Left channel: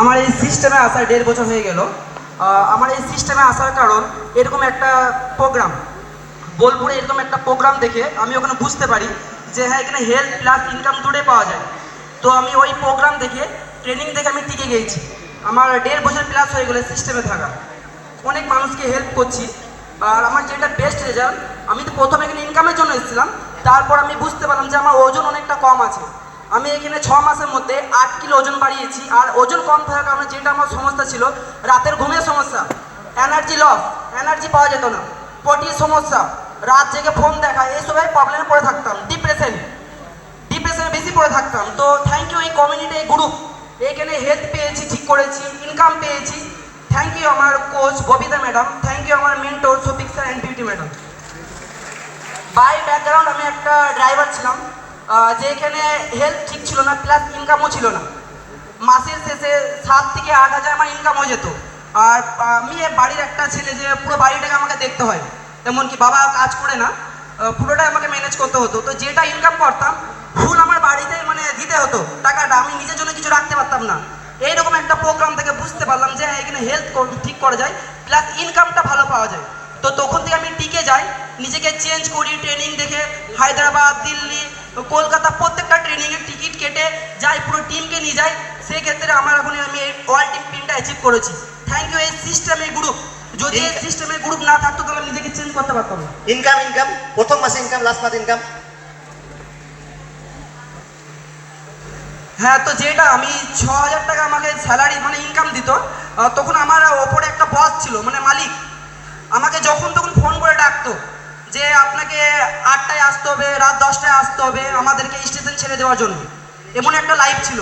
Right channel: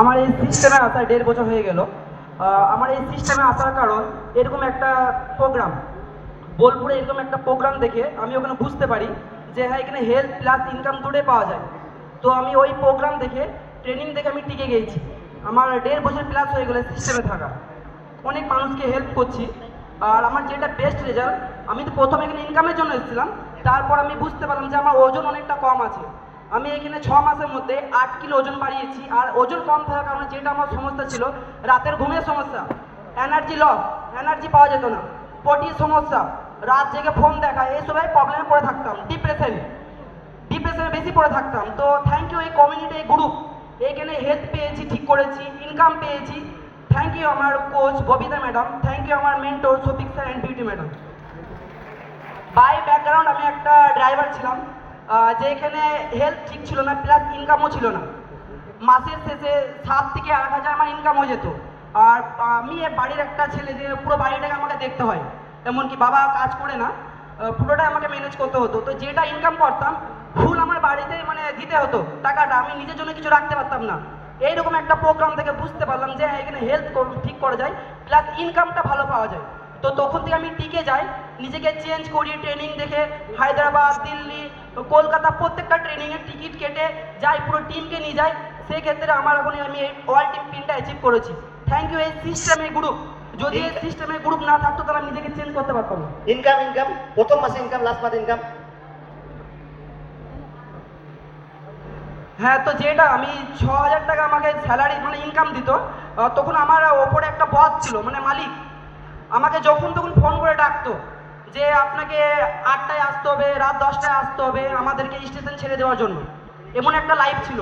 আমার এই সিস্টেমে আসা 1.5 বছর হয়ে গেল। আমার এই সিস্টেমে আসার কারণ এরকম একটা প্রোগ্রাম, বোলপুরে এরকম একটা প্রোগ্রাম দেখে আমি ওখানে বুঝতে পারি যে হ্যাঁ এখানে হেলথ প্লাস ইনকাম দুটোই পাওয়া যায়। তো আমি ওই প্রোগ্রাম দেখে, ট্রেনিং দেখে আমি টিকে গিয়েছি। আমার 1.5 বছর প্লাস হয়ে গেলো সিস্টেমে থাকা। অনেক মানুষকে হেল্প করছি। আর আমার যেটা বেস্ট রেজাল্ট, আমি তো প্রথমে এখানে ইনকামের জন্য এসেছিলাম, তারপর আমি বুঝতে পারলাম যে আমার ওজন অনেকটা কম আছে। আমি এখানে 6 মাসের মধ্যে 8 কিলো ওজন বাড়িয়েছি। আর ওজন কম থাকার কারণে যেটা আমার সমস্যা ছিল, রাতের ঘুমের সমস্যা, এনার্জি লস, এনার্জি পাওয়া যেত না, পটির সমস্যা, রাত জেগে ফোন দেখা, এইসবের প্রবলেমে পড়ে থাকতাম, ডিপ্রেশনে বেশি পড়ে থাকতাম। তো থ্যাংক ইউ এই কমিউনিটি, এই গ্রুপ, এইখানে হেলথ পেয়েছি, ঠিক করেছি, ইনকাম পেয়েছি। থ্যাংক ইউ আমার coach Babita madam, thank you আমার mentor Shafiq sir and Beauty madam. By background আমি একটা ড্রাইভার ছিলাম, যেখানে হেলথ ঠিক ছিল না, প্লাস ইনকামও ছিল না। মাসের শেষে 7 থেকে 8 হাজার আমার ইনকাম হয়ে যেত। আর আমি বাড়ির একটা ছেলে, যে পুরো বাড়িটাকে আমাকে দেখতে হয়, এমনকি বাবা কাজ করে না, পুরোটাই আমাকে ম্যানেজ করতে হতো। তো যেটা ইনকাম করতাম ফুল আমার বাড়িতে মানে দিতে হতো টাকাটা, আমি নিজের জন্য কিছু রাখতে পারতাম না। এইরকম একটা প্রোগ্রাম থেকে বুঝতে পারলাম যে এখানে হেলথ ঠিক করা যায়, প্লাস ইনকামটা ভালো পাওয়া যায়। তো তখন থেকে আমি টিকে যাই, নিজেকে চেঞ্জ করি, ট্রেনিং দেখে হায়দ্রাবাদ, দিল্লি, কলকাতা প্রত্যেকটা ট্রেনিংয়ের টিকিট কেটে যাই, পুরো টিমকে নিয়ে যাই। সেই ক্ষেত্রে আমার এখন আমি এই ওয়ার্ল্ড টিম পিনটা অ্যাচিভ করেছি। থ্যাংক ইউ এই সিস্টেমের গ্রুপ। যদি এই সিস্টেমের গ্রুপ না থাকতো তাহলে আমি নিজেকে চেঞ্জ করতে পারতাম না। ইনকাম প্রথম মাসে ইনকাম, লাস্ট মাসে ইনকাম। হ্যাঁ, তো যেটা আমি 6,000 টাকা আমাকে স্যালারি মানে ইনকাম দিত, তখন আমার ওপরে একটা বস ছিল, মানে মালিক, আমাকে যখন তখন ফোন করে ডাকতো যে আপনাকে 8টায় আসতে হবে, রাত 10টায় আসতে হবে আমাদেরকে স্টেশন ছেড়ে দেওয়ার জন্য। এমন একটা লাইফ ছিল,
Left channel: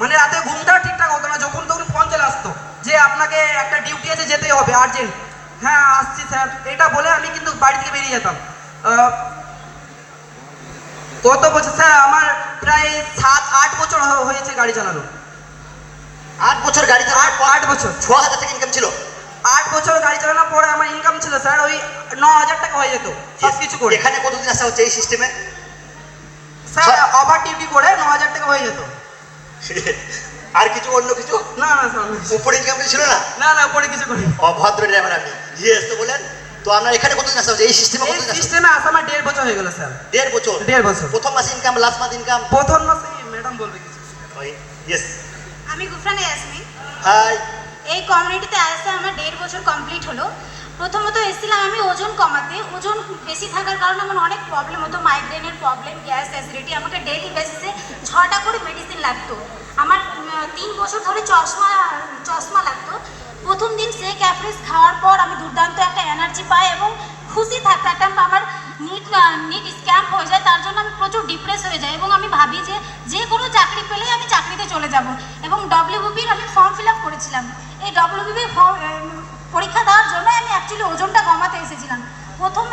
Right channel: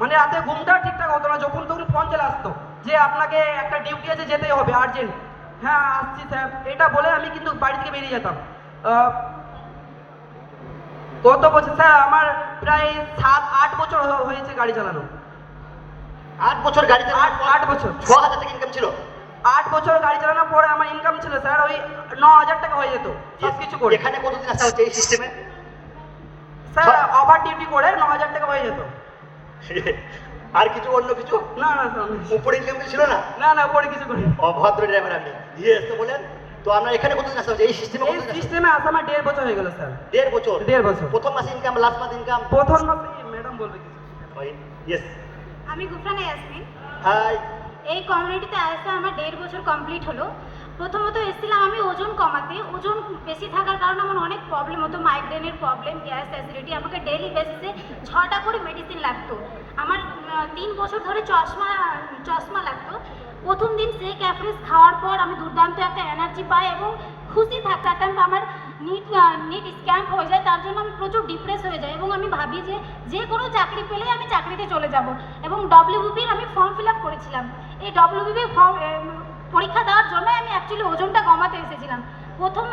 মানে রাতে ঘুমটাও ঠিকঠাক হতো না, যখন তখন ফোন চলে আসতো যে আপনাকে একটা ডিউটি আছে, যেতেই হবে আর্জেন্ট। হ্যাঁ আসছি স্যার, এটা বলে আমি কিন্তু বাড়ি থেকে বেরিয়ে যেতাম। কত বছর স্যার, আমার প্রায় 7-8 বছর হয়েছে গাড়ি চালানো। 8 বছর গাড়ি চালানোর পর 8 বছর 6,000 টাকা ইনকাম ছিল। 8 বছর গাড়ি চালানোর পরে আমার ইনকাম ছিল স্যার ওই 9,000 টাকা হয়ে যেত সব কিছু করে। এখানে কতদিন আসা হচ্ছে এই সিস্টেমে? স্যার ওভার ডিউটি করে 9,000 টাকা হয়ে যেত। আর কিছু অন্য কিছু? না না স্যার, উপরে ইনকাম ছিল না? না না, পরে কিছু করি। অভদ্র ড্রাইভার আপনি। ইয়েস তো বলেন। তো আপনার এখানে কতদিন আসা হচ্ছে এই সিস্টেমে? এই সিস্টেমে আসা আমার 1.5 বছর হয়ে গেল স্যার। 1.5 বছর? 1.5 বছর। প্রথম মাসে ইনকাম, লাস্ট মাসে ইনকাম? প্রথম মাসে ম্যাডাম বলবে কিছু। ইয়েস। আমি গুফরানা ইয়াসমিন। হাই। এই কমিউনিটিতে আসতে আমার 1.5 বছর কমপ্লিট হলো। প্রথমত এসেছিলাম আমি ওজন কমাতে। ওজন বেশি থাকার কারণে আমার অনেক প্রবলেম হতো, মাইগ্রেনের প্রবলেম, গ্যাস, অ্যাসিডিটি। আমাকে ডেইলি বেসিসে 6টা করে মেডিসিন লাগতো। আমার 3 বছর ধরে চশমা লাগতো। প্রথম দিন সে ক্যাফরিস খাওয়ার পর আমি দুর্দান্ত একটা এনার্জি পাই এবং খুশি থাকতাম। আমার নিট স্ক্যাম্প হয়ে যায়, তার জন্য আমি প্রচুর ডিপ্রেস হয়ে যাই এবং আমি ভাবি যে কোনো চাকরি পেলেই আমি চাকরিতে চলে যাব। এবং ডব্লিউবিপির আমি ফর্ম ফিল আপ করেছিলাম। এই ডব্লিউবিপি পরীক্ষা দেওয়ার জন্য আমি অ্যাকচুয়ালি ওজনটা কমাতে এসেছিলাম। প্রথম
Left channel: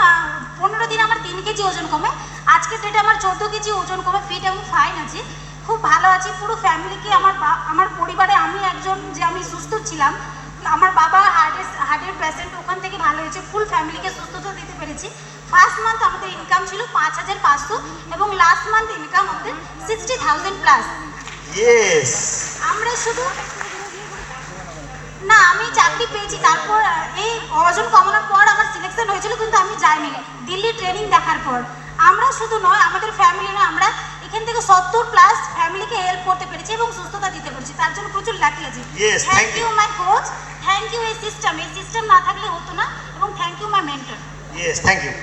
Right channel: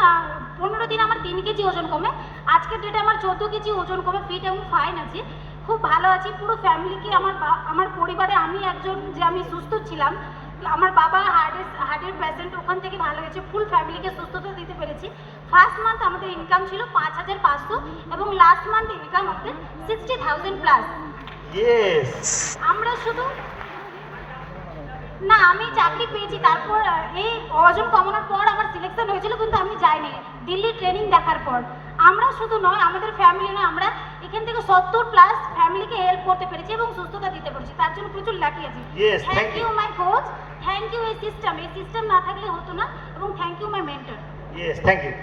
15 দিন আমার 3 কেজি ওজন কমে। আজকের ডেটে আমার 14 কেজি ওজন কমে, ফিট এবং ফাইন আছি, খুব ভালো আছি। পুরো ফ্যামিলিকে, আমার পরিবারে আমি একজন, যে আমি সুস্থ ছিলাম, আমার বাবা হার্টের পেশেন্ট, ওখান থেকে ভালো হয়েছে, ফুল ফ্যামিলিকে সুস্থতা দিতে পেরেছি। ফার্স্ট মান্থ আমাদের ইনকাম ছিল 5,500 এবং লাস্ট মান্থ ইনকাম আমাদের 60,000 প্লাস। ইয়েস। আমরা শুধু না, আমি চাকরি পেয়েছি। তারপর এই ওজন কমানোর পর আমার সিলেকশন হয়েছিল, কিন্তু আমি যাইনি দিল্লি ট্রেনিং দেখার পর। আমরা শুধু নয়, আমাদের ফ্যামিলি নয়, আমরা এখান থেকে 70+ ফ্যামিলিকে হেল্প করতে পেরেছি এবং সুস্থতা দিতে পেরেছি। তার জন্য প্রচুর লাকি আছি। Thank you my coach, thank you এই সিস্টেম না থাকলে হতো না, এবং thank you my mentor. Yes, thank you.